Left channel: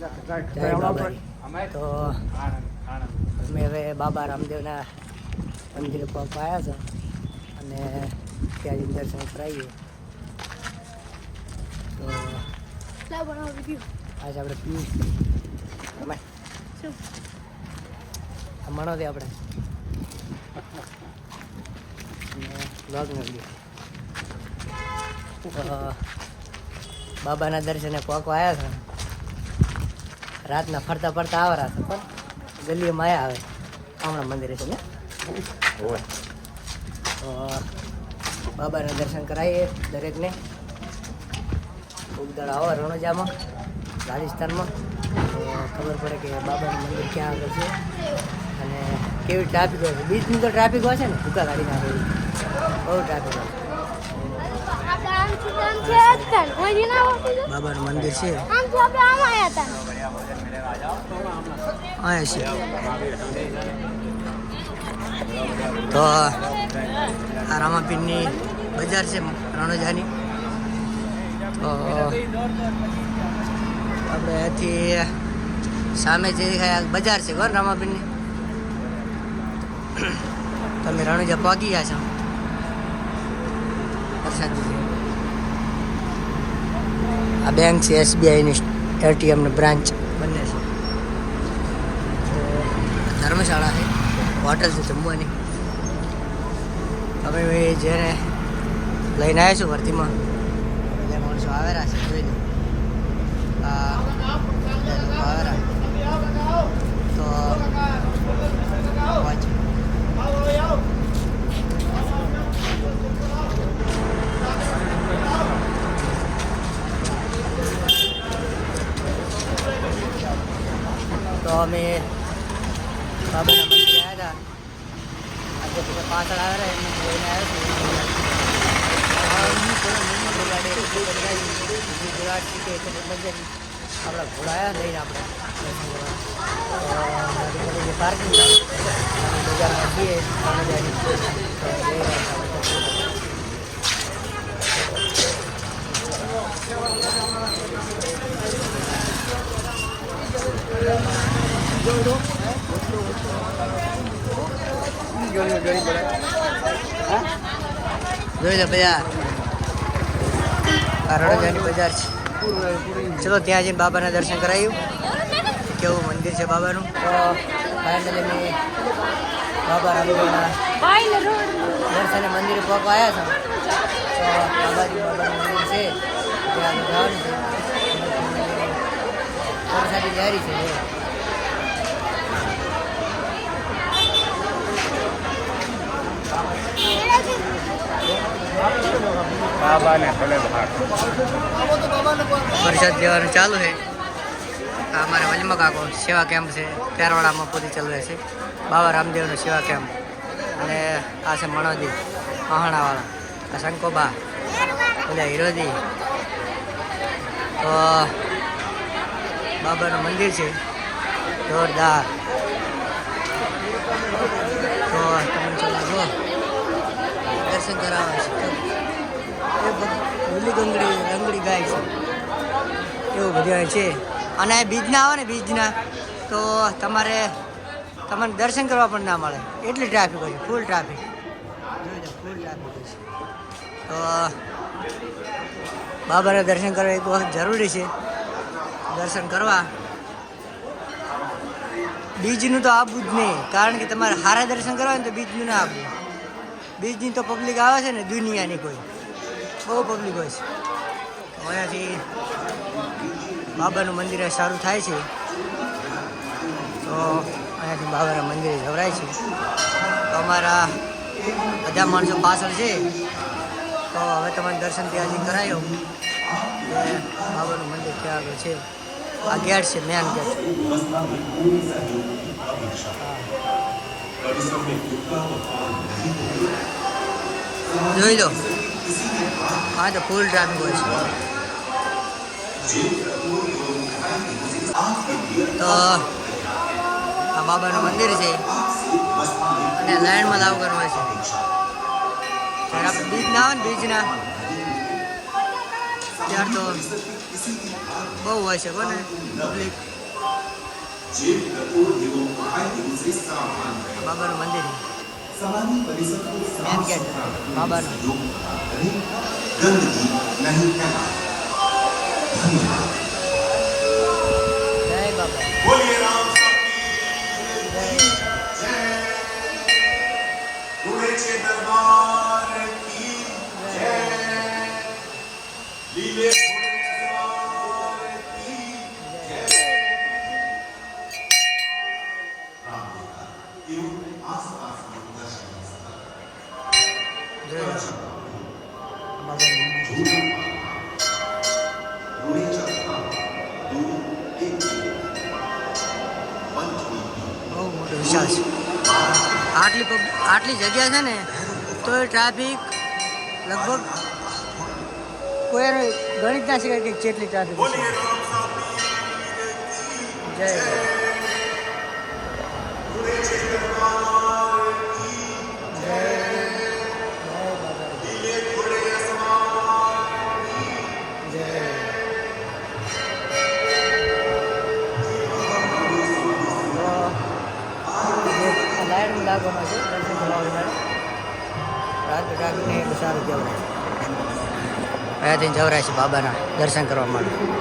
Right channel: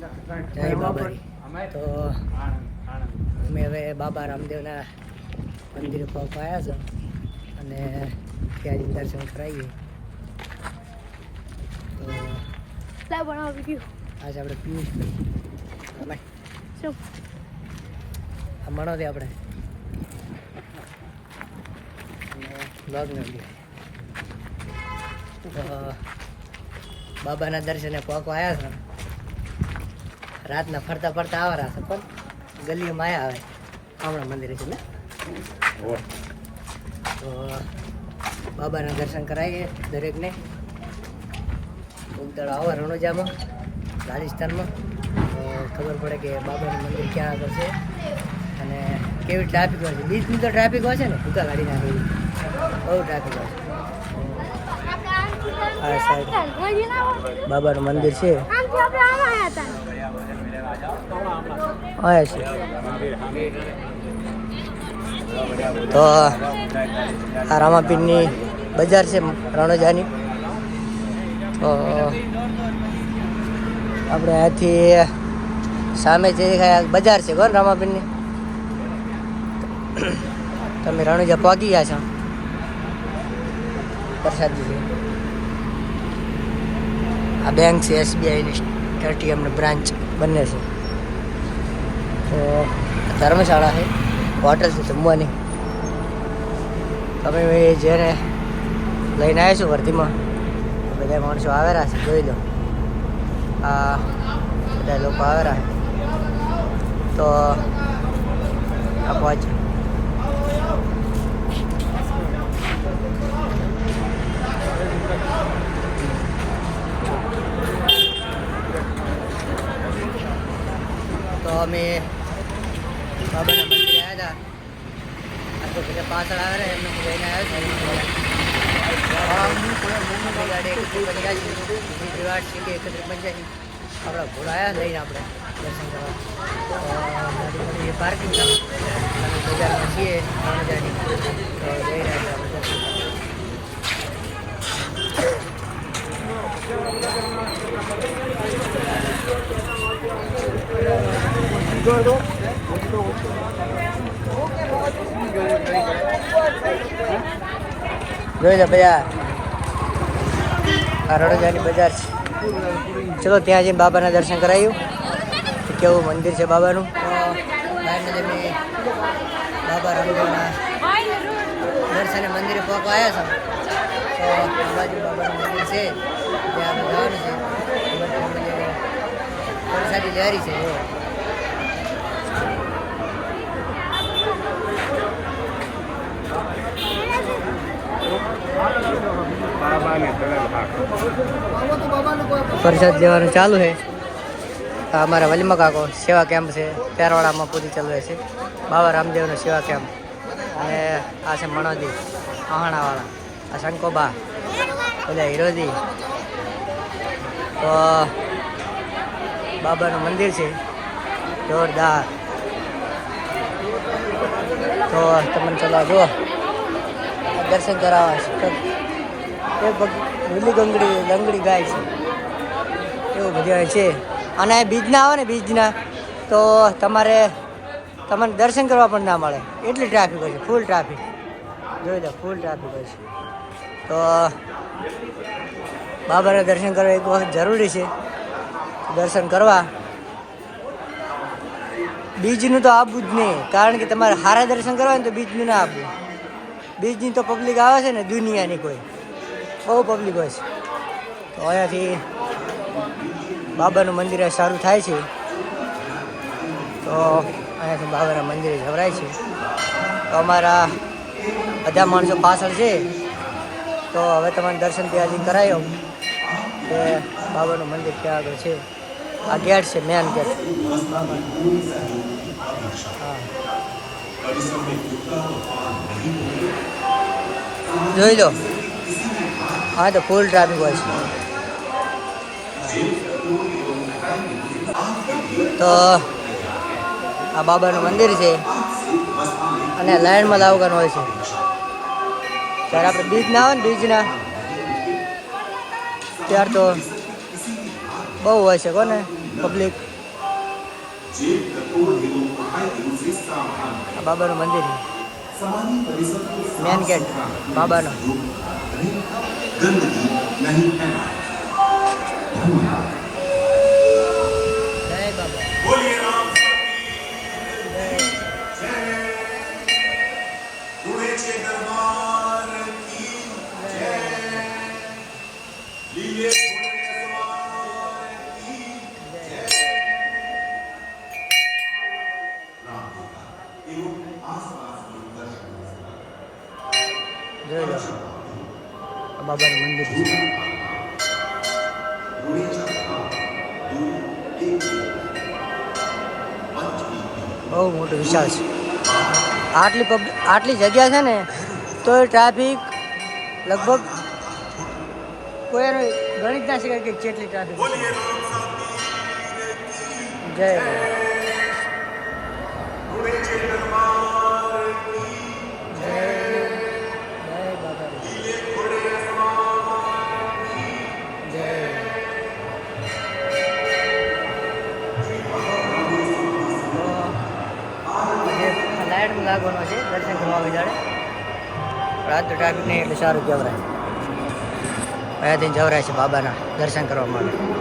જય બાબાજી. તો અમે હવે બાબા રામદેવના મંદિરે પહોંચ્યા છો અને ત્યાં દર્શન કરાવીએ. તો આજે આપણે પિયુષ આ મણો દે આપણે અને બ્લોગ નથી. તો બાબાના દર્શને પહોંચવા આવ્યા છે. રાતના ફરતા ફરતા આવરા છે પણ ગલીમાં આવ્યા આવે હમણાં મંદિરે છે ને. તો બાબાના દર્શન કરાવીએ દરેકને. ઉગદળ આવો રણોજામાં રાજસ્થાનમાં તો ખબર પડે કે બાબાનું મંદિર ક્યાં આગળ છે અને કેવી ટ્રાફિક હોય છે. બીચની તો ટ્રાફિક હોય છે ને ભૂકા ગાડી નાખે એવી બહુ ટ્રાફિક હોય છે. બાબાનું મંદિર છે અહીંયા છે. તો આ રામાપીરની બજાર છે રણોજાની. તો આપણે આથી સામે જે બજાર છે કોણ રામાપીરની. તમે રણોજા પહોંચી ગયા છો. પ્રસાદી છે. આ બેંક છે SBIની એટીએમની બ્રાન્ચ બંને છે. તો ધર્મશાળા છે હોટલ છે જમવાની. અમે જેને લઈને આવ્યા છું વર્ધીમાં બધા માણસો આવેલા છે જોઈ લો. આ બધા લોકો આવેલા છે. તો આપવા જ તો અમે બાબાના મંદિરે આવ્યા હતા. આજે બધા પાછળ આવે એમને લઈને આવ્યો છું. આપણી ગાડી 31 આપણા ઘોડા આવ્યા લઈને આપણે દર્શન કરવા. તો ગાડી પડી છે પાર્કિંગ. અમે બજારમાં છીએ રણોજાની. તો જઈ રહ્યા છીએ આપણે દર્શન કરવા. જોઈ લો બજાર. આ રણોજાની બજાર છે. ચલો ત્યાં જઈને બાબાના દર્શન કરાવ્યું. કેવું મંદિર છે બાબાનું. તો બહારના જે મેં બાબા રામદેવના દર્શને મંદિરે પહોંચવા આવ્યા છો. તો આ બાજુ બાબાનું મંદિર છે ત્યાં જવાનું છે. પ્રસાદી જારી છે. પ્રસાદ લેવાનું ચાલુ છે. તો અમારા વલીમા કાકો સેવા કેમ્પ છે પેરવાડામાં પૂરી ચાલુ છે. બાબા રામદેવનો સેવા કેમ્પ. અને આ છે મણોદી મહાણાવાળા. આ શંકોબા બધા હિરોદી. તો બાબાનું મંદિર છે જોરદાર. તો તમને ચલો જુઓ દર્શન કરાવવા છે. લીલી લંગડી ગાય છે એવું બધું છે. અને બીજના આવે ને બીજના તો તમને દર્શન કરવા પણ ના મળે એટલી ટ્રાફિક હોય છે. ફૂલ ટ્રાફિક જોઈ લો ફૂલ ટ્રાફિક હોય છે. તો બાબાના દર્શન કરવા એક વખત જરૂરી છે. દર્શન કરવા બીજનું તો આપવું જ નહીં. કારણ કે તમારે સારા દર્શન કરવા ને તો બીજનું ના આપવું. બીજની તો પબ્લિક આવે છે ને દુનિયાની કોઈ બહુ પબ્લિક હોય છે. તો અહીંયાથી બાબાનું મંદિર સારું થાય છે. તો અહીંયાથી બાબાના મંદિરે જવરાય છે. તો અમારા બધા માણસો પાછળ છે. તો હવે તમારે દર્શન ત્યાંથી કરાયો કે બાબાનું મંદિર ત્યાં આગળ છે. આ ગેટ છે મેન ગેટ. જોઈ લો હા તો ફૂલ ટ્રાફિક હોય છે. તો આ બાબાનું મંદિર છે અને લાઈનમાં લાવવાનું હોય છે. ત્યારે આપણે બીજ ના આવે ને બીજના ત્યાર તો બહુ હોય છે કોને પબ્લિક. આ બાબાનું મંદિર મેન ગેટ બાબાનો. જય બાબા જય જય બાબાનું મંદિર બહુ મોટું વિશાળ છે. આટલી જગ્યા છે ને તો ટ્રાફિક લગભગ કોઈ ગણિત ના શકાય કે જેટલી ટ્રાફિક છે. જય લાઈટ લાગવાનો છે દર્શન કરવા વિચારે રાત ટ્રાફિક નહીં એટલે સારું જવરાય અહીંયાથી જવરાય છે બાબાના દર્શન કરવા માટે.